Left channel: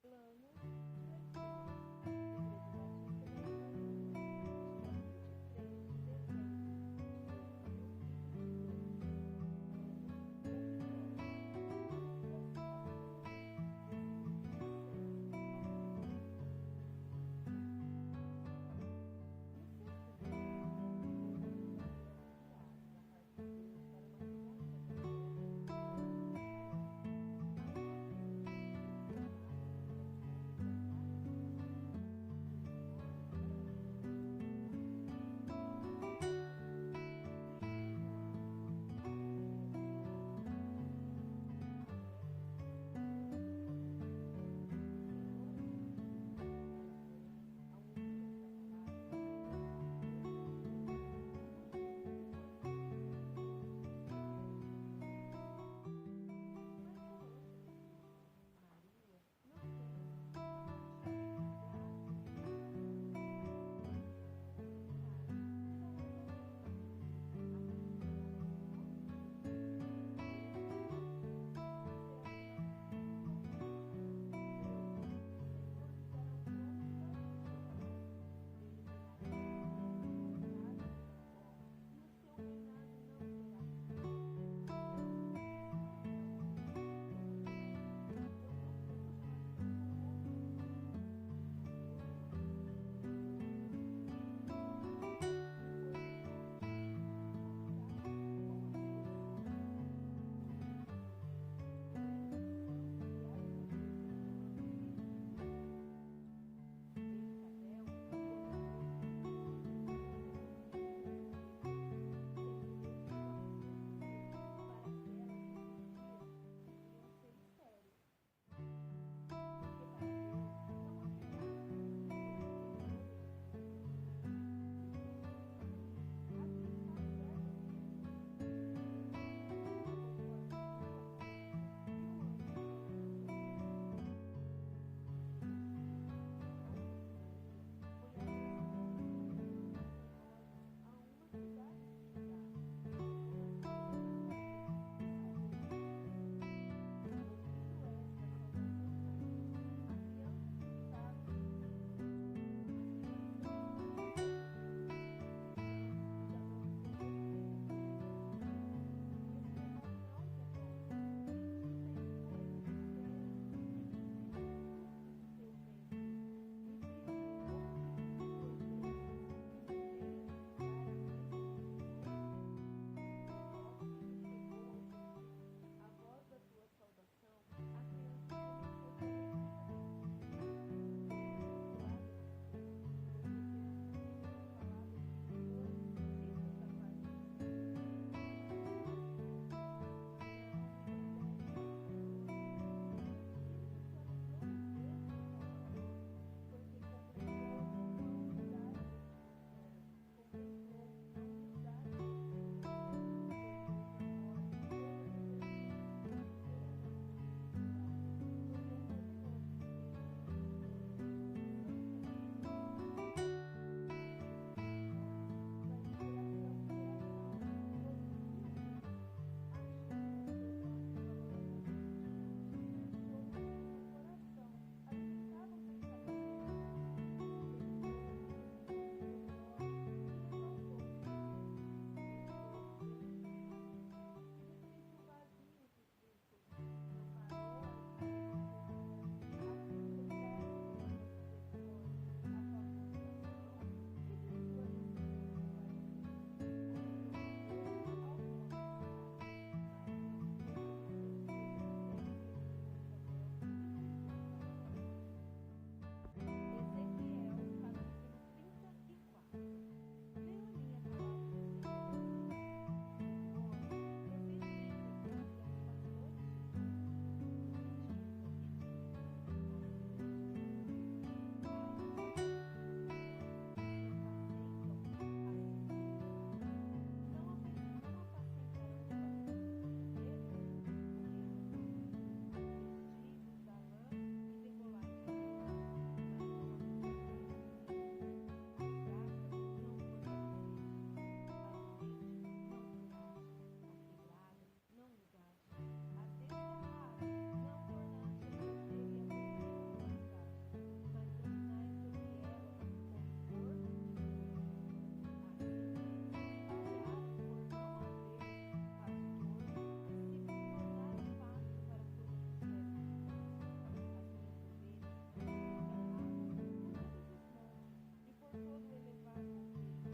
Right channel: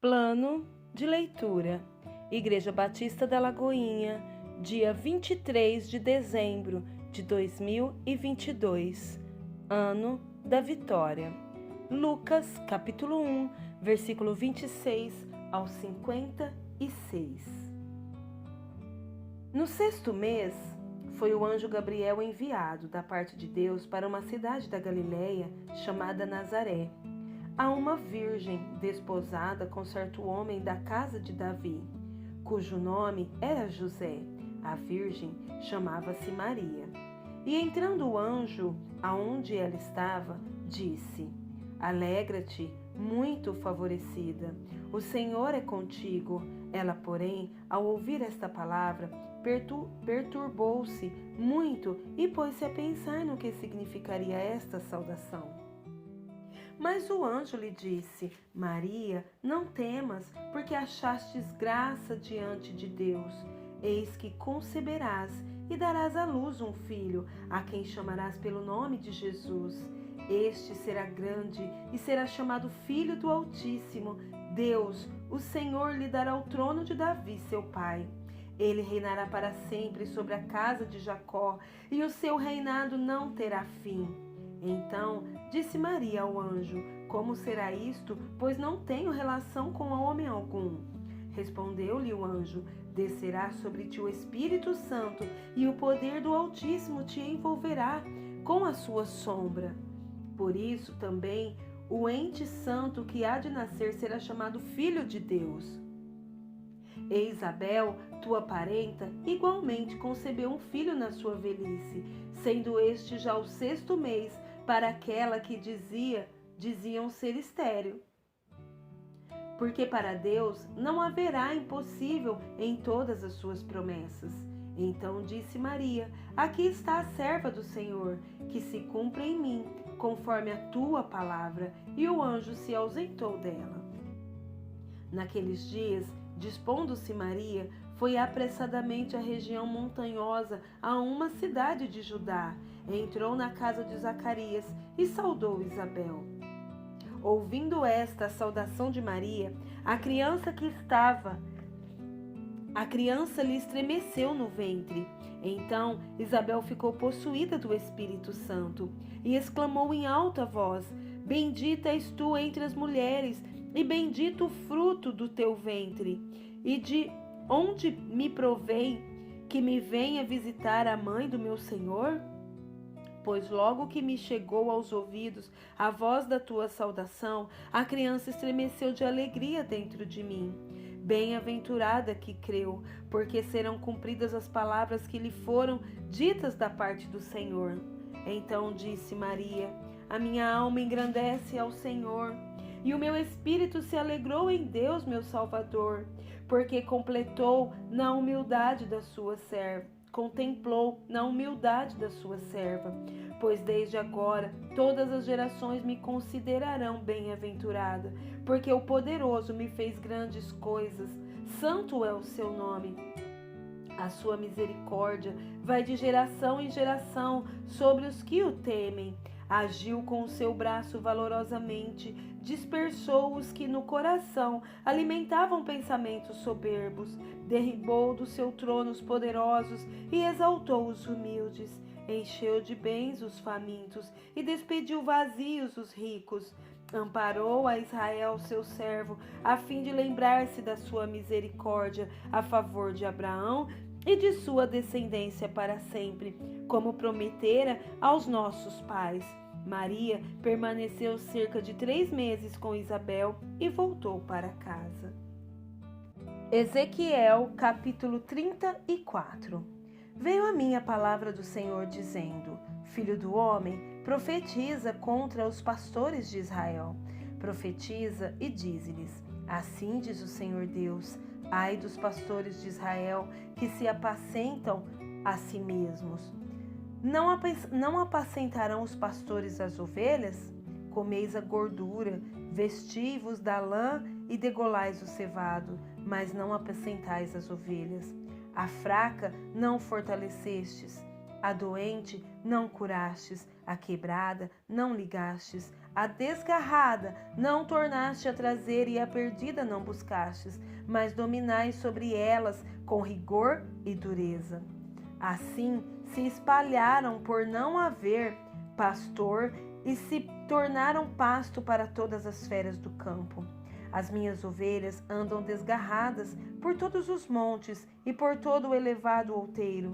Plano de leitura. Igreja Batista da Lagoinha, dia 23 de dezembro de 2022, ano da vitória. Lucas, capítulo 1, versículo 26 ao 56. No sexto mês, foi o anjo Gabriel enviado da parte de Deus para uma cidade da Galileia chamada Nazaré, a uma virgem desposada com certo homem da casa de Davi, cujo nome era José. A virgem chamava-se Maria. E entrando o anjo aonde ela estava, disse: Alegra-te, muito favorecida, o Senhor é contigo. Ela, porém, ao ouvir esta palavra, perturbou-se muito e pôs-se a pensar no que significaria esta saudação. Mas o anjo lhe disse: Maria, não temas, porque achastes graça diante de Deus. Eis que conceberás e darás à luz um filho, a quem chamarás pelo nome de Jesus. Este será grande e será chamado Filho do Altíssimo. Deus, o Senhor, lhe dará o trono de Davi, seu pai. Ele reinará para sempre sobre a casa de Jacó, e o seu reinado não terá fim. Então disse Maria ao anjo: Como será isto, pois não tenho relação com homem algum? Respondeu-lhe o anjo: Descerá sobre ti o Espírito Santo, e o poder do Altíssimo te envolverá com a sua sombra. Por isso também o ente santo que há de nascer será chamado Filho de Deus. E Isabel, tua parenta, igualmente concebeu um filho na sua velhice, sendo este já o sexto mês para aquela que diziam ser estéril. Porque para Deus não haverá impossível em todas as suas promessas. Então disse Maria: Aqui está a serva do Senhor, que se cumpra em mim, conforme a tua palavra. E o anjo se ausentou dela. Naqueles dias, dispondo-se Maria, foi apressadamente à região montanhosa, a uma cidade de Judá. Entrou na casa de Zacarias e saudou Isabel. Ouvindo esta saudação de Maria, a criança lhe estremeceu no ventre. Então Isabel ficou possuída do Espírito Santo e exclamou em alta voz: Bendita és tu entre as mulheres, e bendito o fruto do teu ventre. E de onde me provém que me venha visitar a mãe do meu Senhor? Pois logo que me chegou aos ouvidos a voz da tua saudação, a criança estremeceu de alegria dentro de mim. Bem-aventurada que creu, porque serão cumpridas as palavras que lhe foram ditas da parte do Senhor. Então disse Maria: A minha alma engrandece ao Senhor, e o meu espírito se alegrou em Deus, meu Salvador, porque contemplou na humildade da sua serva. Pois desde agora todas as gerações me considerarão bem-aventurada, porque o Poderoso me fez grandes coisas. Santo é o seu nome. A sua misericórdia vai de geração em geração sobre os que o temem. Agiu com o seu braço valorosamente, dispersou os que no coração alimentavam pensamentos soberbos, derribou do seu trono os poderosos e exaltou os humildes, encheu de bens os famintos e despediu vazios os ricos. Amparou a Israel, seu servo, a fim de lembrar-se da sua misericórdia a favor de Abraão e de sua descendência para sempre, como prometera aos nossos pais. Maria permaneceu cerca de 3 meses com Isabel e voltou para casa. Ezequiel, capítulo 34. Veio a mim a palavra do Senhor dizendo: Filho do homem, profetiza contra os pastores de Israel. Profetiza e dize-lhes: Assim diz o Senhor Deus: Ai dos pastores de Israel, que se apacentam a si mesmos. Não apacentarão os pastores as ovelhas? Comeis a gordura, vestivos da lã e degolais o cevado, mas não apacentais as ovelhas. A fraca não fortalecestes, a doente não curastes, a quebrada não ligastes, a desgarrada não tornaste a trazer e a perdida não buscastes, mas dominais sobre elas com rigor e dureza. Assim se espalharam por não haver pastor e se tornaram pasto para todas as feras do campo. As minhas ovelhas andam desgarradas por todos os montes e por todo o elevado outeiro.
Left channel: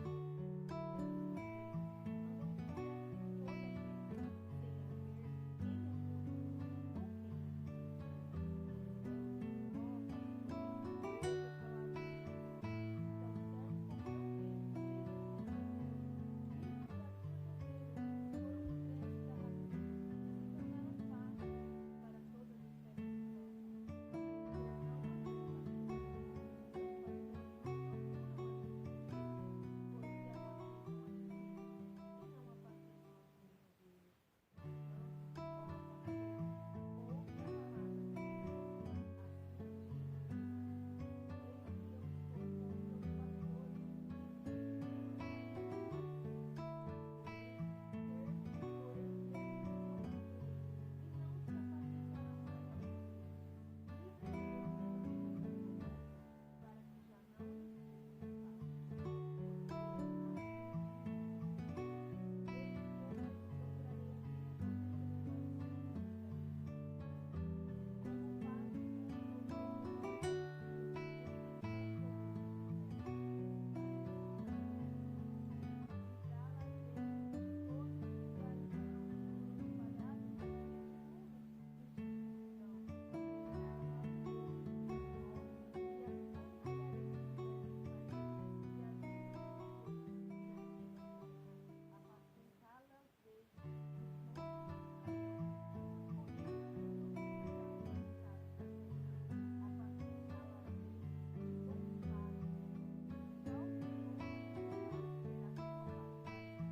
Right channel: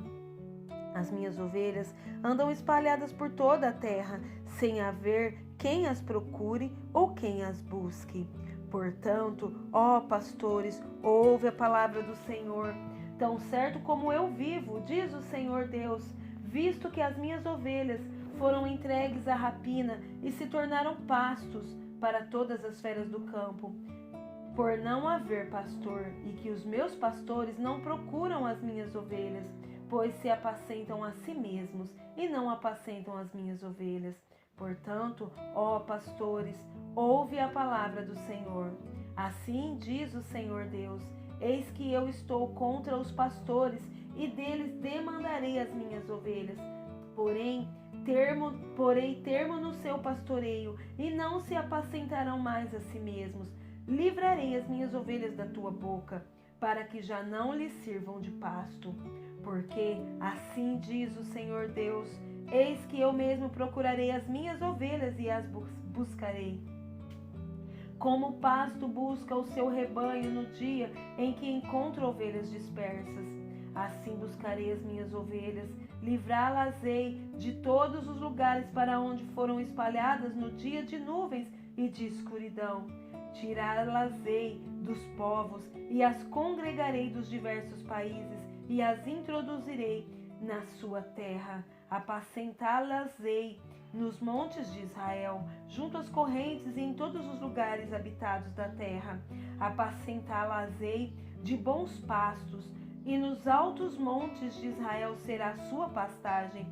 As minhas ovelhas andam espalhadas por toda a terra, sem haver quem as procure ou quem as busque. Portanto, ó pastores, ouve a palavra do Senhor. Tão certo como eu vivo, diz o Senhor Deus, visto que as minhas ovelhas foram entregues à rapina e se tornaram pastos para todas as feras do campo, por não haver pastor, e que os meus pastores não procuram as minhas ovelhas, pois se apacentam a si mesmos e não apacentam as minhas ovelhas. Portanto, ó pastores, ouve a palavra do Senhor. Assim diz o Senhor Deus: eis que eu estou contra os pastores e deles demandarei as minhas ovelhas. Porém termo no seu pastoreio e não se apacentarão mais a si mesmos. Livrarei as minhas ovelhas da tua boca, para que já não lhes sirvam de pasto. Porque assim diz o Senhor Deus: eis que eu mesmo procurarei as minhas ovelhas e as buscarei. Como o pasto busca o seu rebanho no dia em que encontra ovelhas dispersas, assim buscarei as minhas ovelhas, livrá-las-ei de todos os lugares para onde foram espalhadas no dia de nuvens e de escuridão. Tirá-las-ei dos povos e as congregarei dos diversos países e as introduzirei na sua terra. Apacentá-las-ei nos montes de Israel, junto às correntes e em todos os lugares habitados da terra. Apacentá-las-ei de bons pastos, e nos altos montes de Israel será a sua pastagem.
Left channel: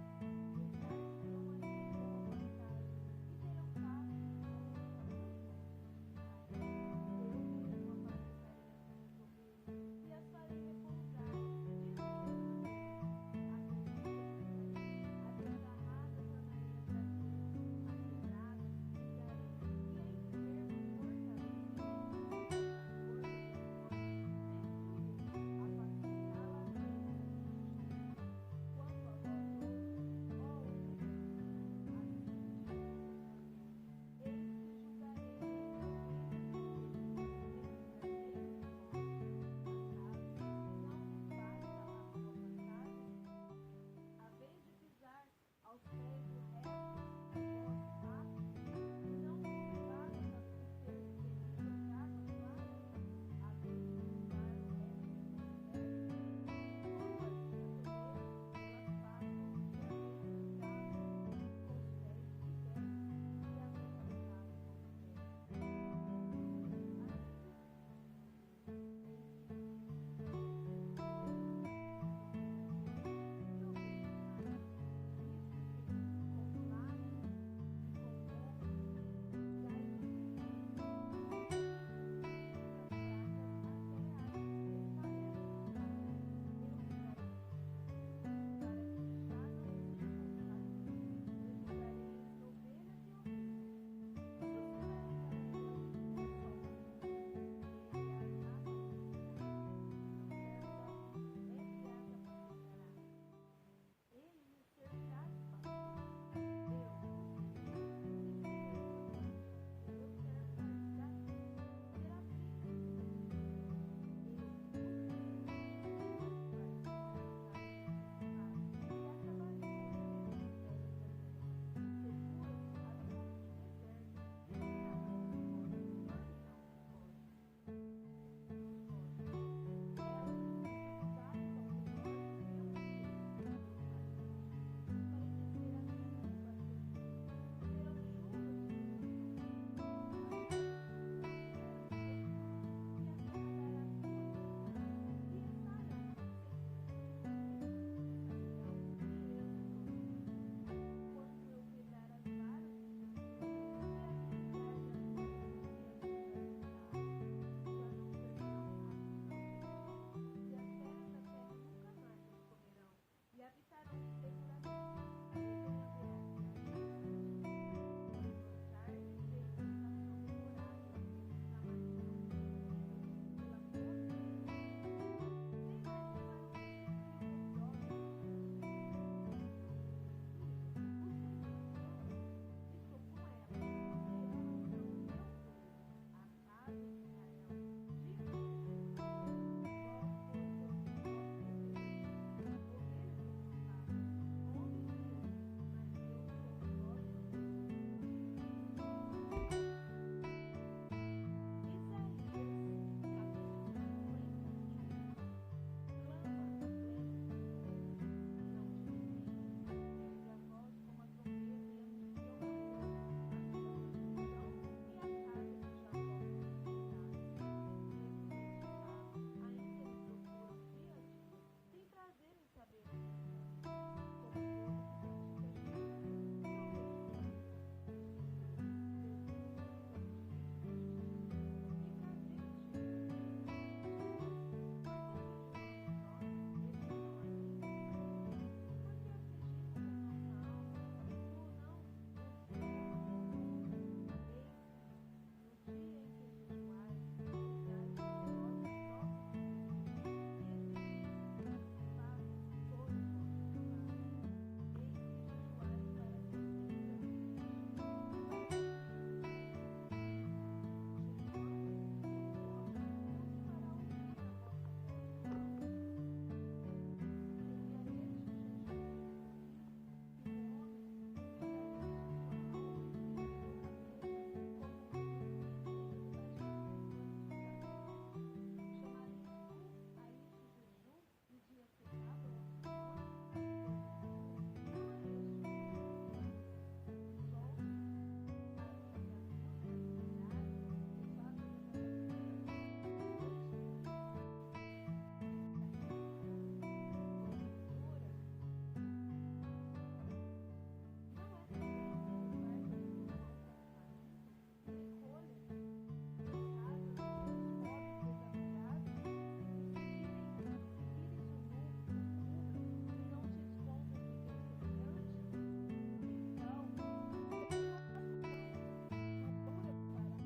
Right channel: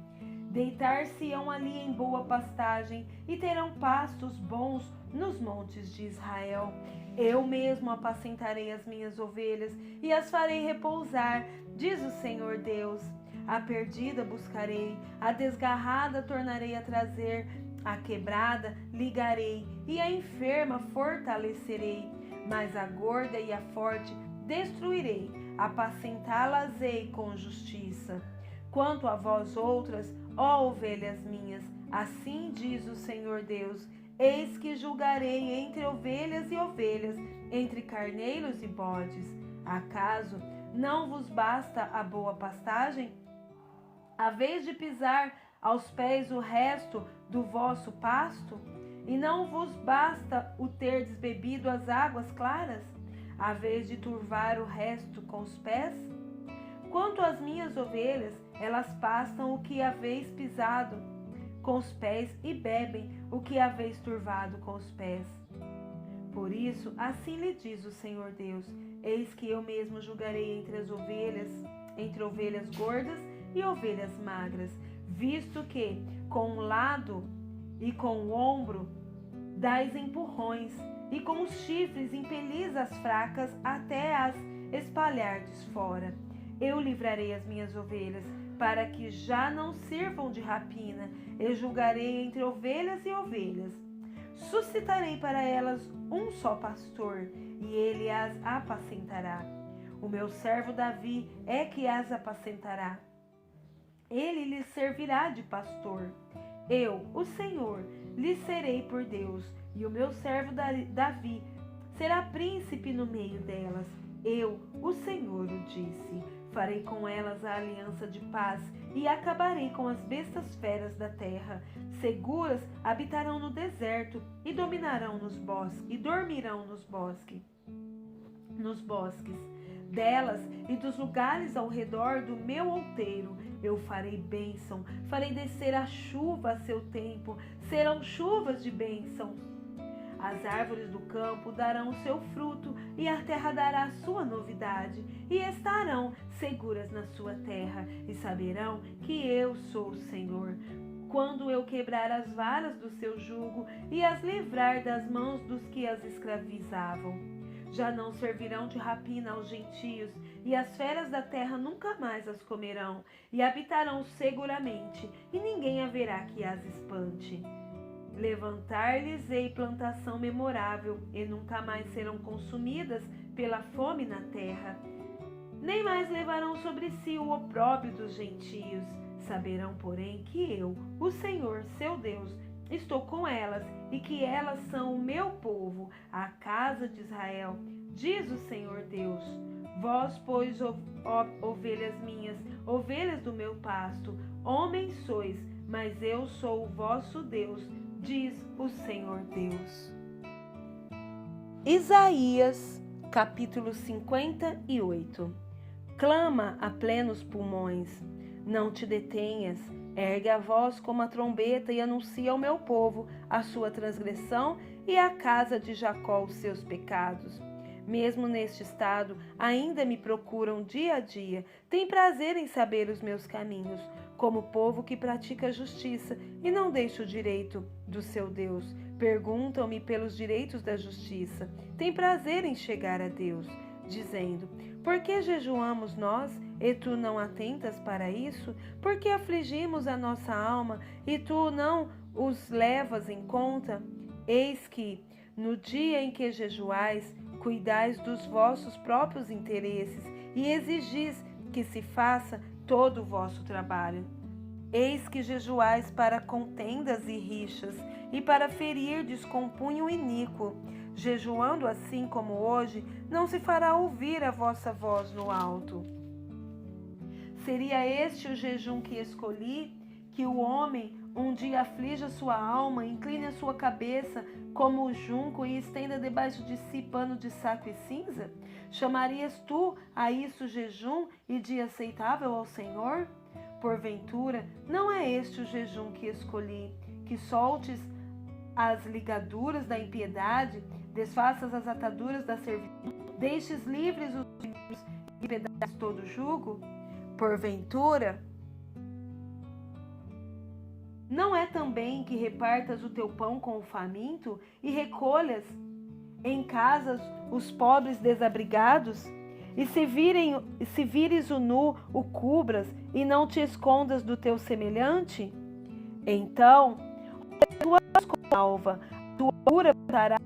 Deitar-se-ão ali em boa pastagem e terão pastos bons nos montes de Israel. Eu mesmo apacentarei as minhas ovelhas e as farei repousar, diz o Senhor Deus. A perdida buscarei, a desgarrada tornarei a trazer, a quebrada ligarei e a enferma fortalecerei, mas a gorda e a forte destruirei, apacentá-las-ei com justiça. Quanto a vós outras, ó ovelhas minhas, assim diz o Senhor Deus: eis que julgarei entre ovelhas e ovelhas, entre carneiros e bodes. Acaso não vos basta a boa pastagem? A vez de pisar aos pés o resto do vosso pasto? E não vos basta o terdes bebido as águas claras? A vez de turvar o resto com os pés? Quanto às minhas ovelhas, elas pastam o que haveis pisado com os pés e bebem o que haveis turvado com os pés. Por isso, assim lhe diz o Senhor Deus: eis que eu mesmo julgarei entre ovelhas gordas e ovelhas magras, visto que com o lado e com o ombro dais empurrões, e com os chifres impelis as fracas até as espalhardes fora. Eu livrarei as minhas ovelhas, para que já não sirvam de rapina, e julgarei entre ovelhas e ovelhas. Suscitarei para elas um só pastor, e ele as apacentará. O meu servo Davi é que as apacentará. Ele lhes servirá de pastor. Eu, o Senhor, lhes serei por Deus, e o meu servo Davi será príncipe no meio delas. Eu, o Senhor, o disse. Farei com elas a aliança de paz e acabarei com as bestas feras da terra. Seguras habitarão no deserto e dominarão nos bosques e dormirão nos bosques. Delas e dos lugares ao redor do meu outeiro eu farei bênção, farei descer a chuva a seu tempo, serão chuvas de bênção. As árvores do campo darão o seu fruto, e a terra dará a sua novidade, e estarão seguras na sua terra, e saberão que eu sou o Senhor. Quando eu quebrar as varas do seu jugo, e as livrar das mãos dos que as escravizavam. Já não servirão de rapina aos gentios, e as feras da terra nunca mais as comerão, e habitarão seguramente, e ninguém haverá que as espante. Levantar-lhes-ei plantação memorável, e nunca mais serão consumidas pela fome na terra. Nem mais levarão sobre si o opróbrio dos gentios. Saberão, porém, que eu, o Senhor, seu Deus, estou com elas, e que elas são o meu povo, a casa de Israel, diz o Senhor Deus. Vós, pois, ovelhas minhas, ovelhas do meu pasto, homens sois, mas eu sou o vosso Deus, diz o Senhor Deus. Isaías, capítulo 58. Clama a plenos pulmões, não te detenhas, ergue a voz como a trombeta e anuncia ao meu povo a sua transgressão e à casa de Jacó os seus pecados. Mesmo neste estado, ainda me procuram dia a dia, têm prazer em saber os meus caminhos, como povo que pratica a justiça e não deixa o direito do seu Deus. Perguntam-me pelos direitos da justiça, têm prazer em chegar a Deus, dizendo: por que jejuamos nós, e tu não atentas para isso? Por que afligimos a nossa alma, e tu não os levas em conta? Eis que, no dia em que jejuais, cuidais dos vossos próprios interesses e exigis que se faça todo o vosso trabalho. Eis que jejuais para contendas e rixas, e para ferirdes com punho iníquo. Jejuando assim como hoje, não se fará ouvir a vossa voz no alto. Seria este o jejum que escolhi, que o homem um dia aflija sua alma, incline a sua cabeça como o junco e estenda debaixo de si pano de saco e cinza? Chamarias tu a isso jejum e dia aceitável ao Senhor? Porventura, não é este o jejum que escolhi, que soltes as ligaduras da impiedade, desfaças as ataduras da servidão, deixes livres os filhos e pedaços todo o jugo? Porventura, não é também que repartas o teu pão com o faminto e recolhas em casas os pobres desabrigados? E se vires o nu, o cubras e não te escondas do teu semelhante? Então, a tua alva, a tua cura estará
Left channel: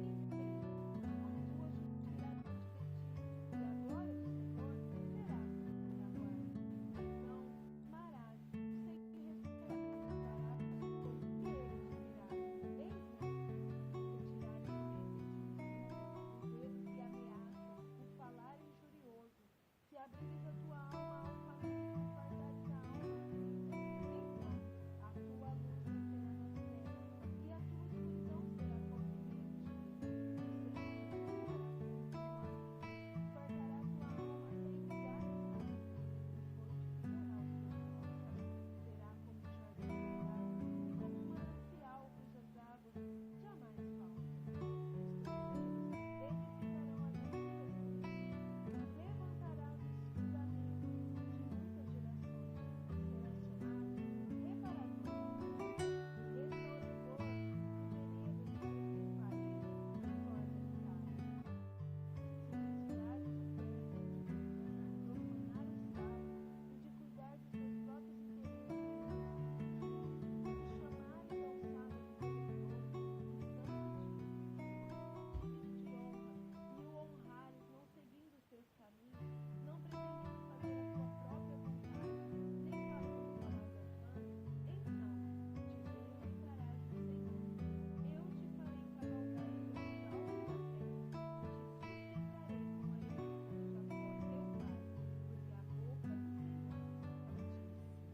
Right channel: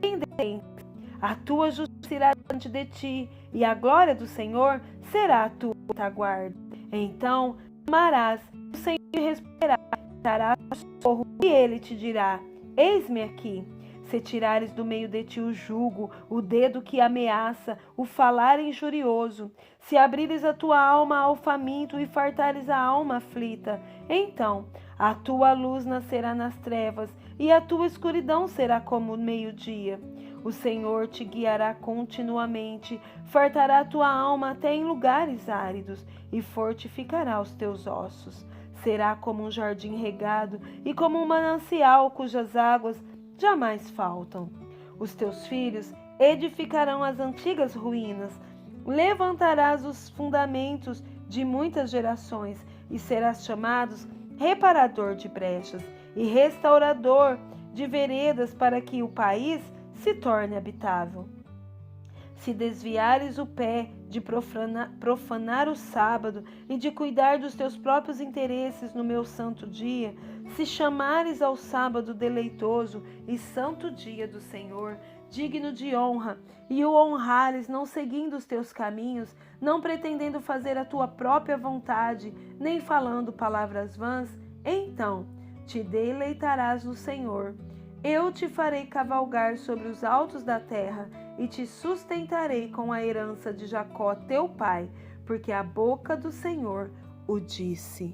bem dentro, a tua justiça irá diante de ti, e a glória do Senhor será a tua retaguarda. Então amarás, o Senhor responderá, dará socorro, e ele te dirá: eis-me aqui. Se tirares do meio de ti o jugo, o dedo que ameaça, o falar injurioso, se abrires a tua alma ao faminto e fartares a alma aflita, então a tua luz nascerá nas trevas e a tua escuridão será como o meio-dia. O Senhor te guiará continuamente, fartará a tua alma até em lugares áridos e fortificará os teus ossos. Será como um jardim regado e como um manancial cujas águas jamais faltam. Os teus filhos edificarão as antigas ruínas, levantarás os fundamentos de muitas gerações e serás chamado reparador de brechas e restaurador de veredas para que o país se torne habitável. Se desviares o pé de profanar o sábado e de cuidar dos teus próprios interesses no meu santo dia, se chamares ao sábado deleitoso e santo dia do Senhor, digno de honra, e o honrares não seguindo os teus caminhos, não pretendendo fazer a tua própria vontade, nem falando palavras vãs, então te deleitarás no Senhor. Eu te farei cavalgar sobre os altos da terra e te sustentarei com a herança de Jacó teu pai, porque a boca do Senhor o disse.